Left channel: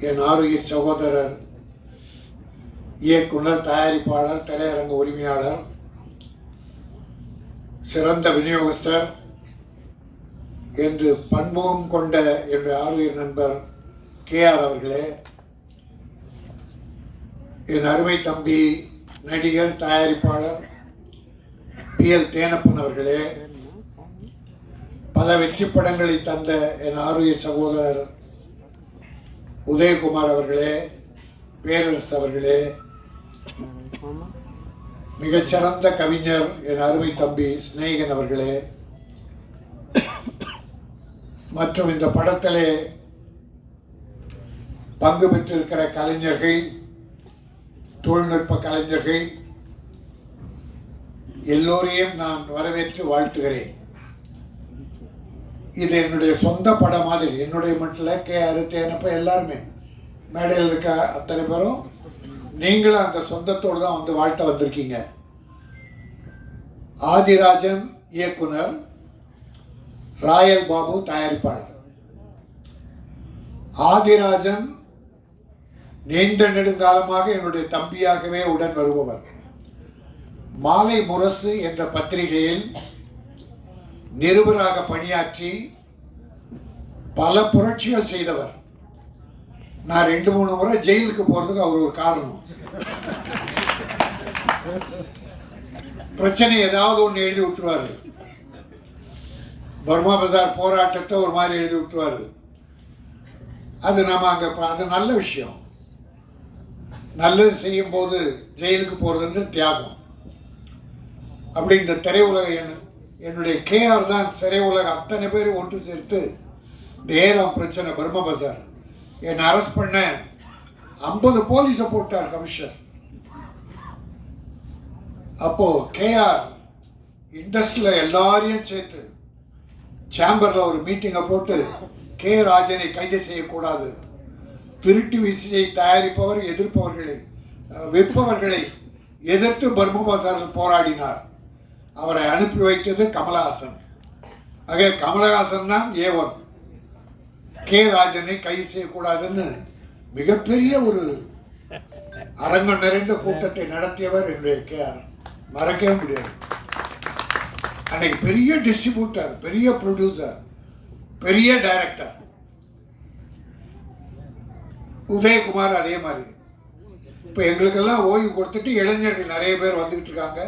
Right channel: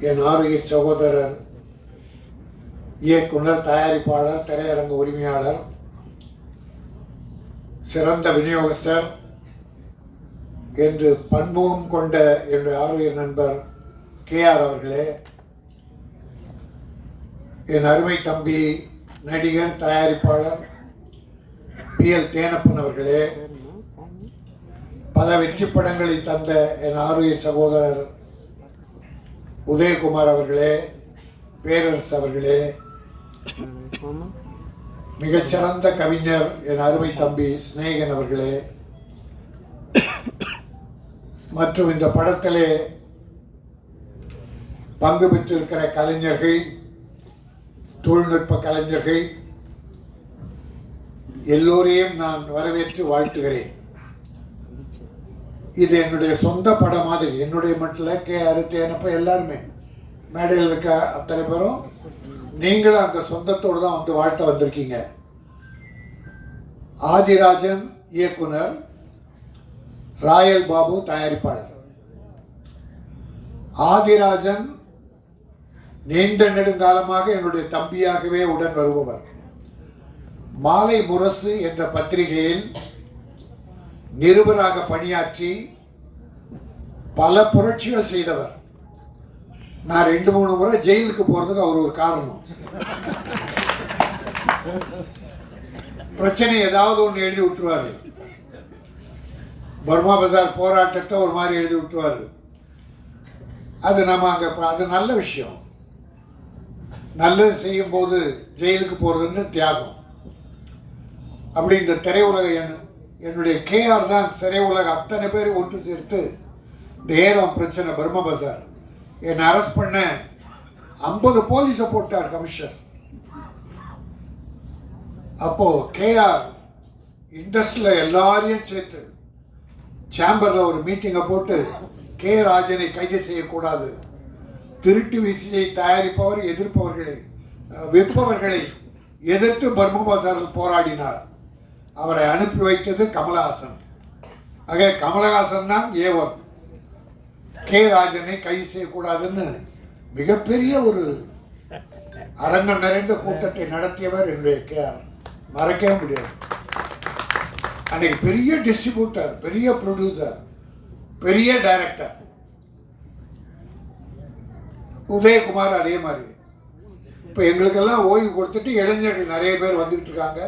என் ஆரோக்கிய சகோதரர் இயக்குனர் தயாரிப்பாளர் திரையரங்க உரிமையாளர் சிறந்த விநியோகஸ்தர் என்று பன்முகம் கொண்ட என்னுடைய ஆரோக்கிய நண்பர் கே ஆர் அவர்களே என் அருமை தம்பி நடிகர் தயாரிப்பாளர் பி எல் தேனப்பன் அவர்களே பல வெற்றி படங்களை தந்த என் ஆரோக்கிய சகோதரர் உதயகுமார் அவர்களே பேரரசு அவர்களே மிகச்சிறந்த கவிஞர் என் அருமை தம்பி சிநேகன் அவர்களே மற்றும் இந்த படத்திலே பங்கு பெற்றிருக்கிற கலைஞர்கள் தொழில்நுட்ப கலைஞர்கள் எல்லோரையும் நான் வரவேற்று வாழ்த்துகிறேன். இது என்னுடைய சொந்த படம் மாதிரி. என்னுடைய மட்டும் கே கே அறுத்தேனப்ப எல்லாருமே. மேடையில் இருக்க அத்தனை பேரும் நீங்களும் அந்த சொந்தத்தோடு தான் வந்து வாழ்த்த வந்திருக்கீங்க. ஆதிராஜன் இயக்குனர் ராயல் பாபு தயாரிப்பாளர். ஆதிராஜன் நீண்ட நெடுங்காலமாக என்னுடைய தம்பியாகவே உடன் வருபவர். மாலை முரசு என்ற பத்திரிகையில் நிருபராக பணியாற்றி பல புரட்சிகள் செய்தவர். நான் ரெண்டு மூணு முறை ஜெயிலுக்கு போறதுக்கு அவர் ஒரு காரணம். பிரச்சனை ஏதாவது ஒன்று எழுதி விட்டுருவாரு. பர்மா பஜார் போராட்டத்தை ஒரு மாதிரி எழுதி விட்டுருவாரு. அது நம்ம அங்கே அது நல்ல விஷயம். நல்லது செய்யும் போது ஜெயிலுக்கு போகிறதுன்னு தியாகம். அப்படி இந்த திரையுலக என் என்னுடைய கேஆர் தான் திரையுலக அத்தனை பேர் ஒன்று சேர்த்து இந்த ஏலம் பிரச்சனை பர்ம பஜார். என்னை அரெஸ்ட் பண்ண ஐம்பது போலீஸை போட்டார் கமிஷனர். அப்போ கேஆர் இண்டஸ்ட்ரியில் எல்லாரையும் சேர்த்து சேம்பரில் ஒரு மீட்டிங்கை போட்டு கே ராஜனை கைது செய்யக்கூடாது. திருட்டு விசையை தயாரிப்பவர் எதிர்ப்பவர்களை விற்பவர்களை எதிர்த்து பர்ம பஜாரில் போராடினார். அவரை அனுப்பி வைத்தது கமலஹாசன். ஆக கமலஹாசன் தான் ஏவன் கே ராஜனை கைது செய்யக்கூடாதுன்னு மிகப்பெரிய ஒரு அரங்கம் நிறைந்த கூட்டத்தை நடத்தியவர் என்னுடைய கே மறக்கவே முடியாது. அன்னைக்கு பெரிய டிஸ்ட்ரிபியூட்டர் பெரிய ப்ரொடியூசர் பெரிய டைரக்டர் உதயகுமார் அதே மாதிரி. இப்போ எங்களுக்கெல்லாம் ஓய்வு கொடுத்துட்டு இளைஞர்கள் நிறைய பேர் வந்துகிட்டு இருக்காங்க.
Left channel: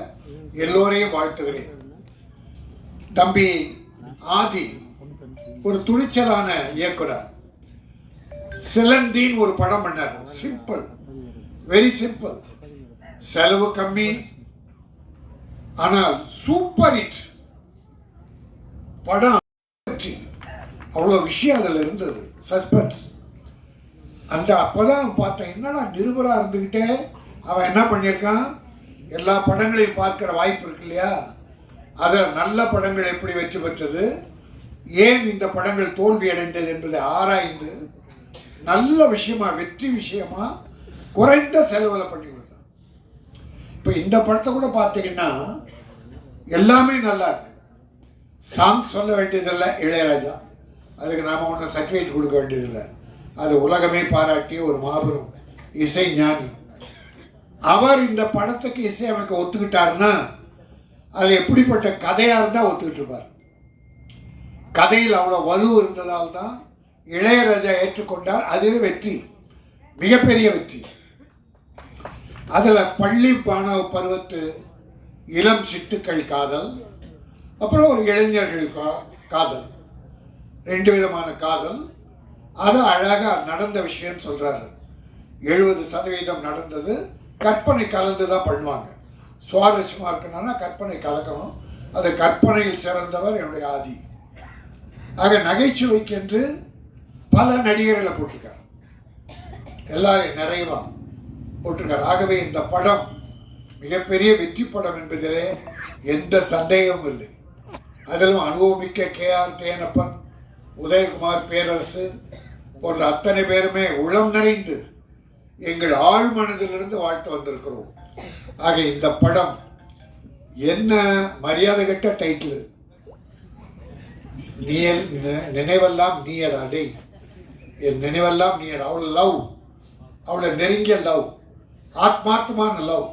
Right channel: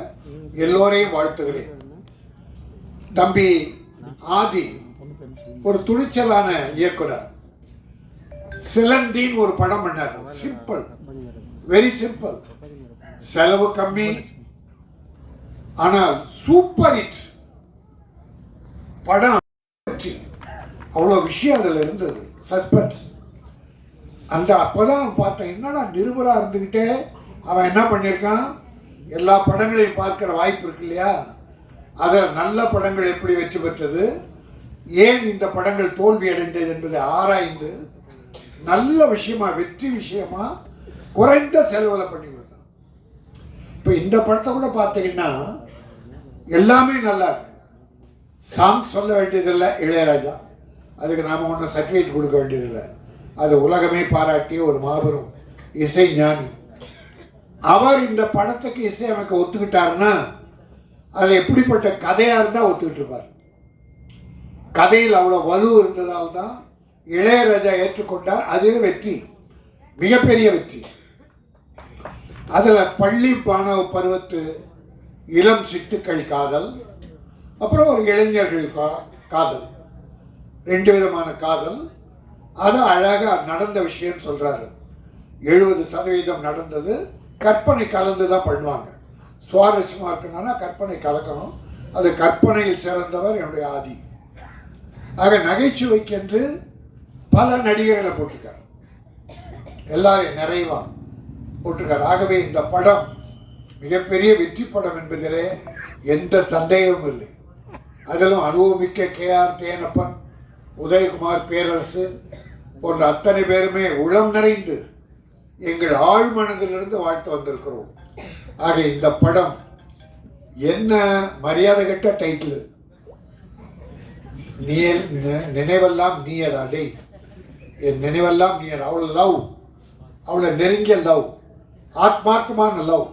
எல்லோரையும் வாழ்த்துகிறேன். தம்பி ஆதி ஒரு துணிச்சலான இயக்குனர். சிலந்தின்னு ஒரு படம் பண்ணார். சிம்பிள் வெரி சிம்பிள் செலவு கம்மி. ஆனால் சூப்பர் ஹிட் படம் அவ்வளோ விஷயம் அதில் இருந்தது. சஸ்பென்ஸ் அந்த அப்போதான் பார்த்தேன் என்னடா நிருபராக இருந்துக்கிட்டே அவன் என்ன பண்ணியிருக்கான்? எல்லா படங்களையும் பார்க்குற வாய்ப்பு இருக்கு இல்லையா? அதில் நல்ல படங்கள் எப்படி வெற்றி பெற்றது? ஏன் இந்த படங்கள் தோல்வி அடைந்தது என்பதை ஆராய்ந்து நல்ல விஷயமா வெற்றி விஷயமா குறைந்த செலவில் பண்ணி கொடுத்தான். இப்போ இந்த படத்தை கூட பார்த்தீங்கன்னா எல்லாமே நல்லா இருக்கு. சாங் சொல்ல வேண்டியதில்லை இளையராஜா. அதுக்கு நாம் ஒன்றும் சர்டிஃபிகேட் கொடுக்க வேண்டியதில்லை. அது உலகமே பாராட்டிய ஒரு மாபெரும் இசை ஞானி. அவர் இந்த படத்துக்கு இசையமைக்க ஒத்துக்கிட்டாருன்னா அது எப்படிப்பட்ட கதையாக இருந்தால் ஒத்துக்கிட்டு இருப்பார். கதையில் அவ்வளோ வலு இருந்ததால் தான் இளையராஜா ஏற்றுக்கொண்டார். அதுவே வெற்றி. மிகப்பெரிய வெற்றி. அதில் பள்ளி மாணவ பருவத்து இளம் சிட்டுக்கள் காதல் அப்புறம் ஒரு இளைஞர்கள் கா காதல். ரெண்டு விதமான காதல். அது அழகாக நடந்த விஷயம் சொல்கிறாரு எழுபது சதவீதம் நடந்தது. கற்பனை கலந்து தான் பண்ணுவாங்க. சுவாரஸ்யமாக இருக்கணும்னா கற்பனை கலக்கணும். அது கற்பனையில் சிறந்தவர் என்னுடைய ஆதி. ஆக நகைச்சுவைக்கென்று பல நடிகர்களை போட்டிருக்கார். எல்லாரையும் நிறைவா போட்டிருக்கார். ஆகவே இந்த படம் மிகப்பெரிய வெற்றி படம் என்பதிலே எந்த சந்தேகமும் இல்லை. அதிலும் அனுபவமிக்க கே ஆர் தேனப்பன் உதயகுமார் பேரரசு போன்ற அத்தனை பேருமே உளம் நிறைந்து எங்கள் ஆழ்மனதிலிருந்து வாழ்த்து வந்திருக்கிறோம். ஆக இந்த படம் என்ன மரியாதை கட்ட டைட்டில் நீ நினைவெல்லாம் நீயடா டேய். என் நினைவெல்லாம் நீயடா. அவ்வளோ லவ். அவ்வளோ நெருங்கிய லவ். ஆத்மார்த்தமான லவ்.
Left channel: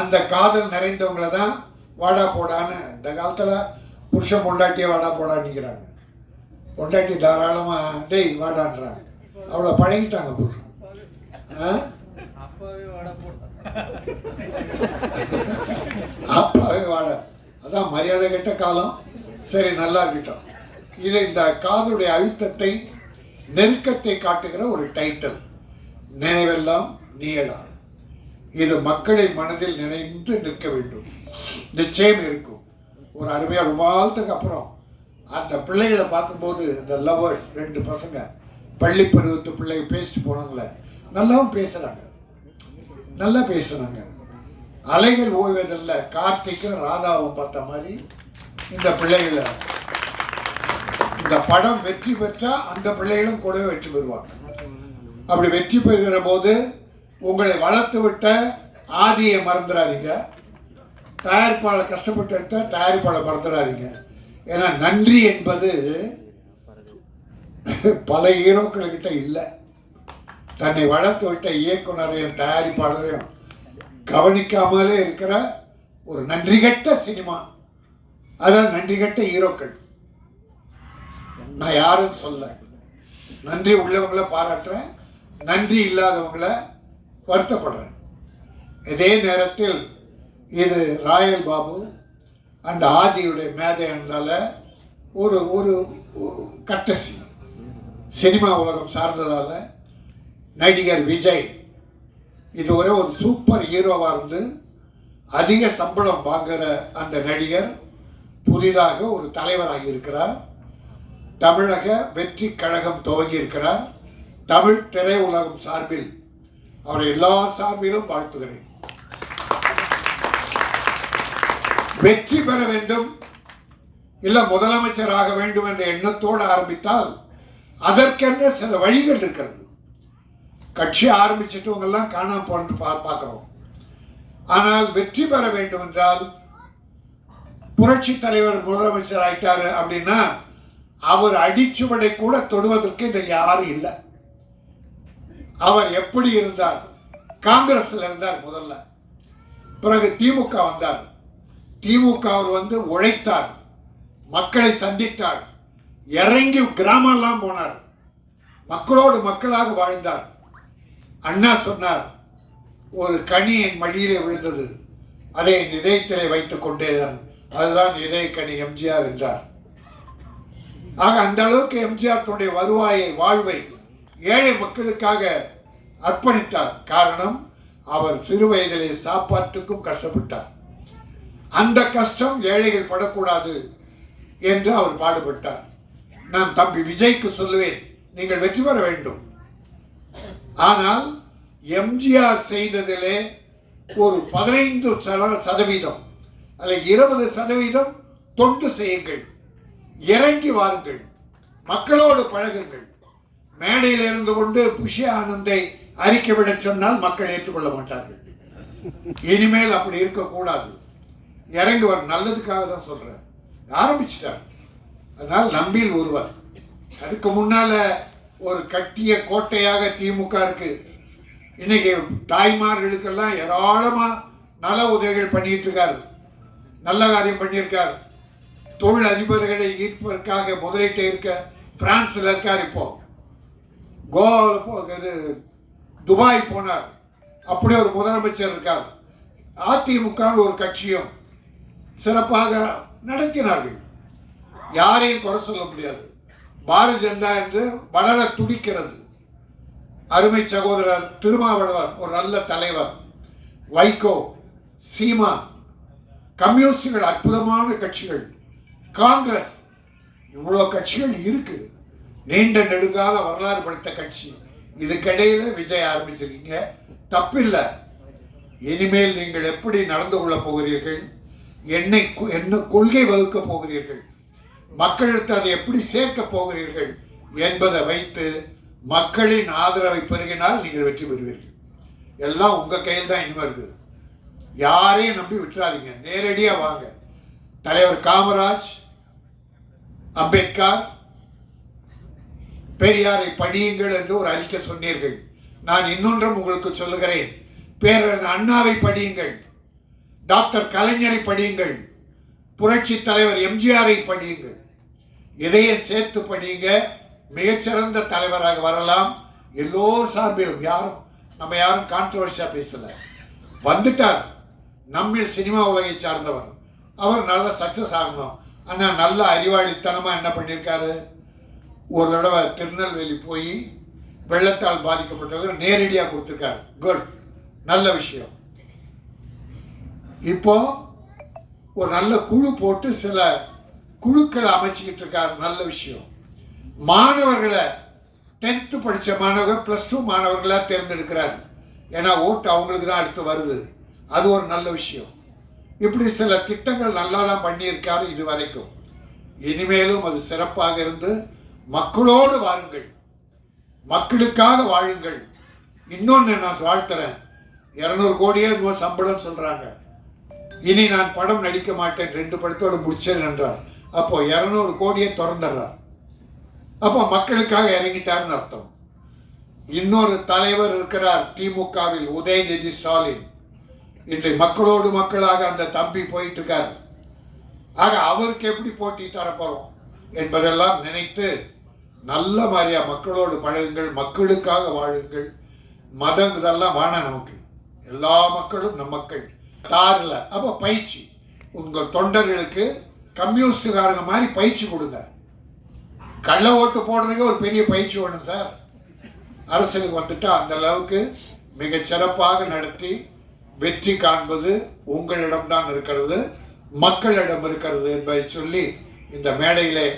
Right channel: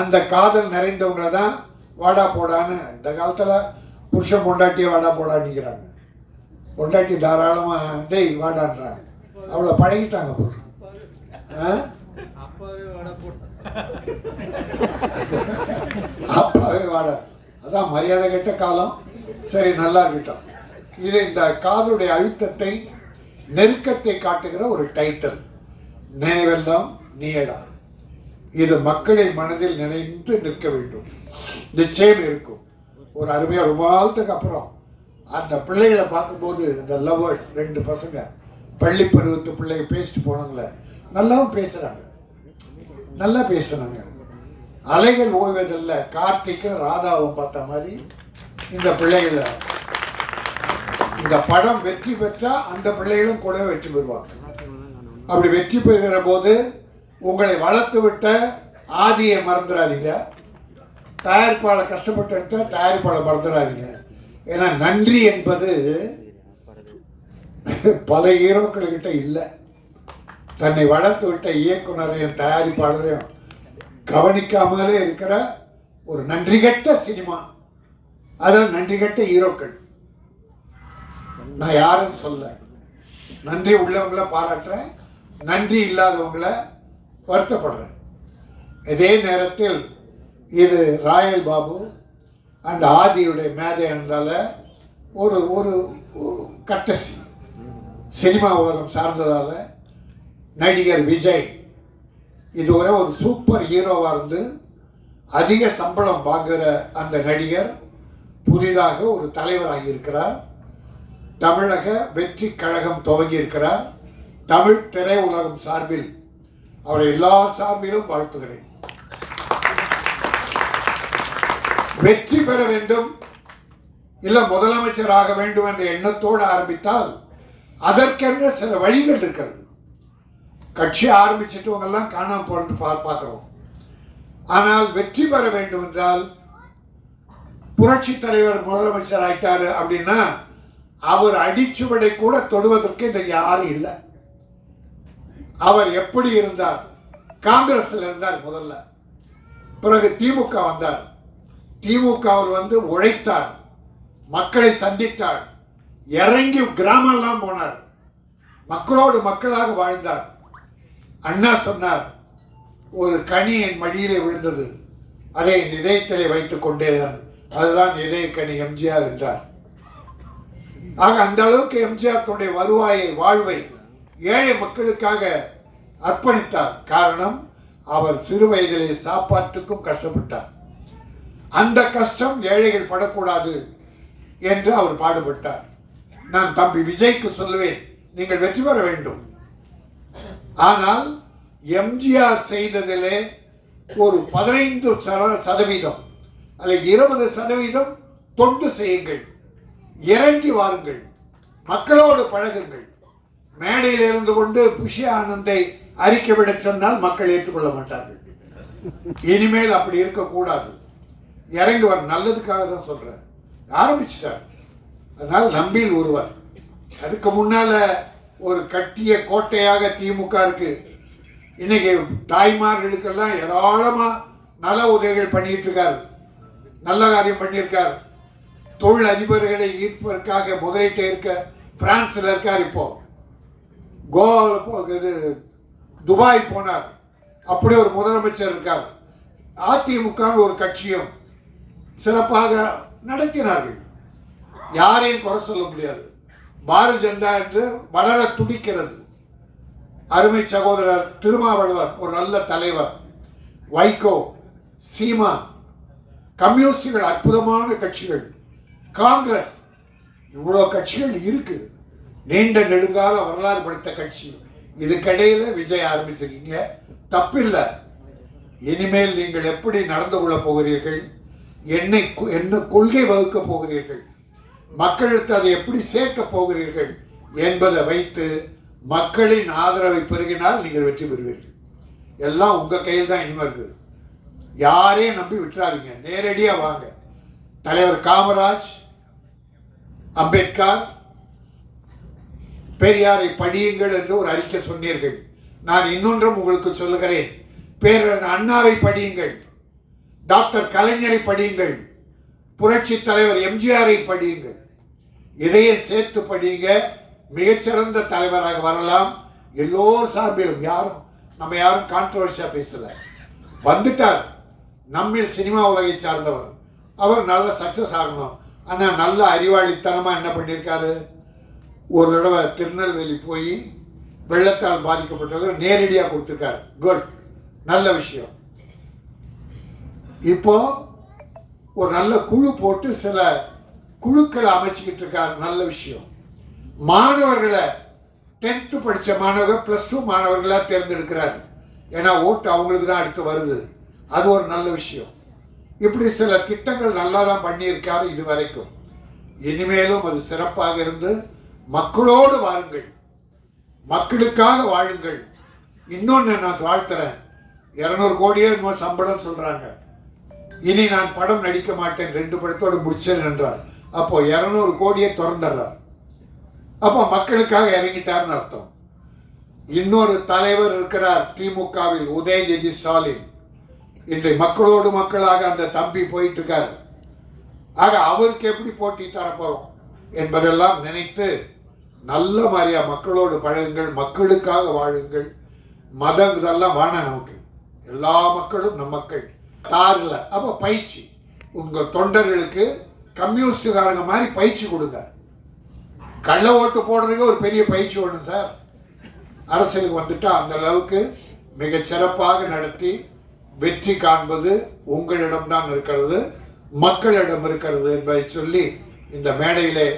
அந்த காதல் நிறைந்தவங்களை தான் வாடா போடான்னு இந்த காலத்தில் புருஷன் பொண்டாட்டியே வாடா போடான்னுங்கிறாங்க பொண்டாட்டி தாராளமாக டேய் வாடான்றாங்க அவளை பழகிட்டாங்க போட்டு அப்பவே வடை போட்டு. அப்பாவே வாட. அதான் மரியாதை கெட்ட காலம். சரி நல்லா இருக்கட்டும். இது இந்த காதுடைய அழுத்தத்தை நெருக்கத்தை காட்டுகிற ஒரு டைட்டில் நினைவெல்லாம் நீயடா. இது மக்களின் மனதில் நினைந்து நிற்க வேண்டும். நிச்சயம் இருக்கும். ஒரு அருமையாக ரொம்ப நாளத்துக்கு அப்புறம் அந்த பிள்ளைகளை பார்க்கும்போது இந்த லவர்ஸ் ரெண்டு பசங்க பள்ளி பருவத்து பிள்ளைங்க பேசிட்டு போனாங்களே நல்லாவும் பேசுகிறாங்க நல்லா பேசுகிறாங்க அலைகள் ஓய்வதில்லை. கார்த்திக்கும் ராதாவும் பார்த்த மாதிரி இந்த பிள்ளைகளை இந்த படம் வெற்றி பெற்றா அந்த பிள்ளைகளும் கூட வெற்றி பெறுவாங்க. அப்படி வெற்றி பெறுகிற போது உங்களை வளர்த்து விட்ட ஆதியை மறந்துடாதீங்க. தயாரிப்பாளர் கஷ்டப்பட்டு எடுத்த தயாரிப்பாளர் மறந்துடாதீங்க. ஏன்னா நன்றி என்பது பல ஹீரோக்கள்கிட்ட இல்லை. தன்னை வளர்த்து விட்ட இயக்குனரையும் தயாரிப்பாளரையும் கவனிக்காமலே இருக்கிற ஒரு நன்றிகட்ட சினிமா. அதான் நன்றிகட்ட ஹீரோக்கள். நான் யாரும் சொல்ல. நன்றி உள்ளவங்கள பாராட்டுறேன். நன்றி இல்லாதவங்கள வருத்தப்படுறேன். இதே நேரத்தில் இது ராயல் பாபு அந்த ஆதியுடைய மேதை என்றால ஒரு ஒரு கட்டசி. சினிமா உலகம் சார்ந்ததால நடிகர் விஜய் இதுவரை ஒரு சூப்பர் ஹீரோவாக இருந்து அதிக சம்பளம் வாங்குகிற அந்த நடிகர் புதிதாக ஒரு தலைவராக இருக்கிறார். தமிழக வெற்றி கழகம் துவங்கி இருக்கிறார். தமிழ் திரையுலகம் சார்பில் அவரை எல்லா சார்பிலும் வாழ்த்துகிறேன். வெற்றி பெற வேண்டும். இல்லை முதலமைச்சர் ஆக வேண்டும் என்ற எண்ணத்தோடு ஆரம்பித்தால் அதற்கென்ற சில வழிகள் இருக்கிறது. கட்சி ஆரம்பிச்சிட்டவங்கெல்லாம் காணாமல் காணாம பா பார்க்குறோம். ஆனால் வெற்றி பெற வேண்டும் என்றால் புரட்சி தலைவர் முதலமைச்சர் ஆயிட்டாரு அப்படின்னா அவர் அடிச்சுவடை கூட தொடுவதற்கு இந்த யாரும் இல்லை. அவர் எப்படி இருந்தார்? காங்கிரஸ்ல இருந்தார் முதல்ல. பிறகு திமுக வந்தார். திமுகவில் வந்து உழைத்தார் மக்களை சந்தித்தார் இறங்கி கிராமம்லாம் போனார் மக்களோடு மக்களாக வாழ்ந்தார். அண்ணா சொன்னார் ஒரு கனி என் மடியிலே விழுந்தது அதை என் இதயத்திலே வைத்துக் கொண்டேதான் அதுதான் இதய கனி எம்ஜிஆர் என்றார். ஆக அந்த அளவுக்கு எம்ஜிஆர் தன்னுடைய வருவாயை வாழ்வை ஏழை மக்களுக்காக அர்ப்பணித்தார். காரணம் அவர் சிறு வயதிலே சாப்பாட்டுக்கும் கஷ்டப்பட்டார். அந்த கஷ்டம் ஏழைகள் படக்கூடாது என்று அவர் பாடுபட்டார். நான் தம்பி விஜய்க்கு சொல்லுவேன் நீங்கள் வெற்றி பெற வேண்டும். ஆனால் எம்ஜிஆர் செய்ததிலே ஒரு பதினைந்து சதவீதம் அல்ல இருபது சதவீதம் தொண்டு செய்யுங்கள். இறங்கி வாருங்கள். மக்களோடு பழகுங்கள். மேடையில் இருந்து கொண்டு புஷி ஆனந்தை அறிக்கை விட சொன்னால் மக்கள் ஏற்றுக்கொள்ள மாட்டார்கள். இனிமேல் அப்படி இருக்கக்கூடாது. இறங்கி வர நல்லதுக்காக தான் சொல்கிறேன் ஆரம்பிச்சிட்டார். அதனால் நம்பியில் ஒருவர். அதுக்கு முன்னால் ஒரு கட்டிய கோட்டையாக திமுக இருக்கு. இன்னைக்கு தாய்மார்களுக்கெல்லாம் ஏராளமாக நல உதவிகள் பண்ணிட்டு இருக்காரு. நல்ல காரியம் பண்ணியிருக்கார். தொழில் அதிபர்களை ஈர்ப்பதற்காக முதலீட்டை இருக்க ஃப்ரான்ஸில் இருக்கார் இப்போ. கோவாவில் போ இது துபாய் போனார். அப்படி ஒரு முதலமைச்சர் இருக்கார். அதிமுகன்னு ஒரு கட்சியும் சிறப்பாக நடத்தினார்கள் யாரையும் குறை சொல்ல முடியாது. பாரதிய ஜனதா என்று வளர துடிக்கிறது. அருமை சகோதரர் திருமாவளவர் ஒரு நல்ல தலைவர். வைகோ சீமா கம்யூனிஸ்டுகள் அற்புதமான கட்சிகள். காங்கிரஸ் இவ்வளோ கட்சிகள் இருக்கு. நீண்ட நெடுங்கால வரலாறு படுத்த கட்சி. இதுக்கிடையில் விஜய் ஆரம்பிச்சிருக்கீங்க. தப்பில்லை. இனிமேல் நீங்கள் எப்படி நடந்து கொள்ளப் போகிறீர்கள்? என்னை என்ன கொள்கை வகுக்கப் போகிறீர்கள். மக்களுக்கு அதை எப்படி சேர்க்க போகிறீர்கள் என்பதை வைத்து மக்களின் ஆதரவை பெருகினால் நீங்கள் வெற்றி பெறுவீர்கள். எல்லாம் உங்கள் கையில் தான் இனிமே இருக்குது யாரையும் நம்பி விட்டுறாதீங்க. நேரடியாக வாங்க. தலைவர் காமராஜ் அம்பேத்கர் பெரியாரை படியுங்கள் என்று ஒரு அறிக்கை சொன்னீர்கள். நான் இன்னொன்றும் உங்களுக்கு சொல்லுகிறேன். பேரன் அண்ணாவை படியுங்கள். டாக்டர் கலைஞரை படியுங்கள். புரட்சி தலைவர் எம்ஜிஆரை படியுங்கள். இதையும் சேர்த்து படியுங்க. மிகச்சிறந்த தலைவராக வரலாம். எல்லோர் சார்பிலும் யாரும் நம்ம யாரும் கான்ட்ரவர்ஷியாக பேசல. வந்துட்டார். நம்மில் சினிமா உலகை சார்ந்தவர். அவர் நல்ல சக்சஸ் ஆகணும். ஆனால் நல்ல அறிவாளித்தனமாக என்ன பண்ணியிருக்காரு? ஒரு தடவை திருநெல்வேலி போய் வெள்ளத்தால் பாதிக்கப்பட்டவர் நேரடியாக கொடுத்துருக்காரு. குட் நல்ல விஷயம். இப்போ ஒரு நல்ல குழு போட்டு சில குழுக்களை அமைச்சுக்கிட்டு இருக்காரு. நல்ல விஷயம். மாணவர்களை டென்த்து படித்த மாணவர்கள் ப்ளஸ் டூ மாணவர்களாக தேர்ந்தெடுக்கிறார். ஏன்னா ஓட்டு அவங்களுக்கு தான் அடுத்து வருது. அது ஒரு நல்ல விஷயம். இப்படி சில திட்டங்கள் நல்லா தான் பண்ணியிருக்காரு இது வரைக்கும் இனிமேலும் அது சிறப்பாக இருந்து மக்களோடு வாருங்கள். மக்களுக்காக வாழுங்கள். இன்னொன்று நான் வாழ்த்துறேன். இரநூறு கோடியே என்னமோ சம்பளம் சொல்கிறாங்க இனி நான் படம் நடிக்க மாட்டேன். ரெண்டு படத்தோடு முடிச்சேன் என்றார். அப்போ இரநூறு கோடியை திறந்துடுறார். அப்போ மக்களுக்காக இறங்கிட்டார்னு அர்த்தம். இன்னொரு தலைவர் இருக்கிறார் திமுகவில் உதயநிதி ஸ்டாலின். இன்றை மக்களோடு மக்களாக அந்த தம்பி போயிட்டு இருக்கார் ஆக அவருக்கு எப்படி போட்டி தரப்போறோம் என்பதெல்லாம் நினைத்து நல்ல மாதிரியா மக்களோடு பழகுங்கள் மக்களுக்காக வாழுங்கள். மதம் இதெல்லாம் வேணாம் நமக்கு. எல்லா மக்களும் நம் மக்கள். தாரில். அப்போ பயிற்சி. உங்கள் தொண்டர்களுக்கு கம்யூனிஸ்டுக்காரங்க மாதிரி பயிற்சி கொடுங்க. கள்ள ஓட்டு போடுறதுக்கு ஒரு பெரிய பயிற்சி வேணும் சார். அரசியலுக்கு வந்துட்டா அந்த அளவுக்கு மிக சிறப்பாக நடத்தி வெற்றி காண்பது உங்களிடம்தான் இருக்கிறது மக்களிடம் இருக்கிறது என்பதை சொல்லி இந்த மேடையிலே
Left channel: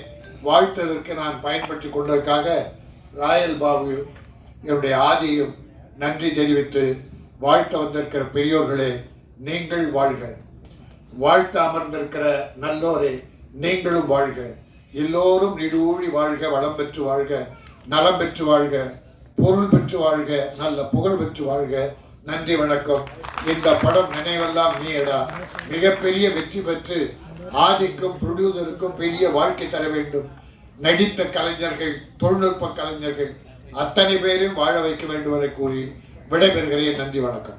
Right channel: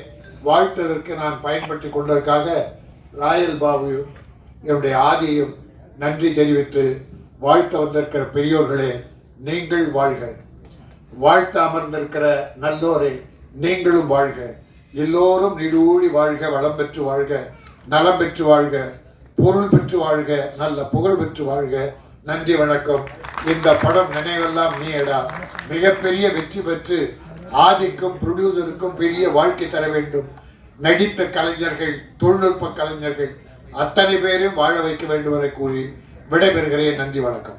வாழ்த்ததற்கு நான் பயன்படுத்தி கொண்டதற்காக ராயல் பாபு என்னுடைய ஆதியும் நன்றி தெரிவித்து வாழ்த்த வந்திருக்கிற பெரியோர்களே நீங்கள் வாழ்க. வாழ்த்து அமர்ந்திருக்கிற நல்லோரே நீங்களும் வாழ்க. எல்லோரும் நிடுவூழி வாழ்க வளம் பெற்று வாழ்க நலம் பெற்று வாழ்க பொருள் பெற்று வாழ்க நல்ல புகழ் பெற்று வாழ்க. நன்றி வணக்கம். இந்த படம் நினைவெல்லாம் நீடா மிகப்பெரிய வெற்றி பெற்று ஆதிக்கும் ப்ரொடியூசருக்கும் பெரிய வாழ்க்கை தர வேண்டும். நடித்த கலைஞர்கள் தொழில்நுட்ப கலைஞர்கள் அத்தனை பேரும் வாழ வைக்க வேண்டும் என கூறி விடைபெறுகிறேன். நன்றி வணக்கம்.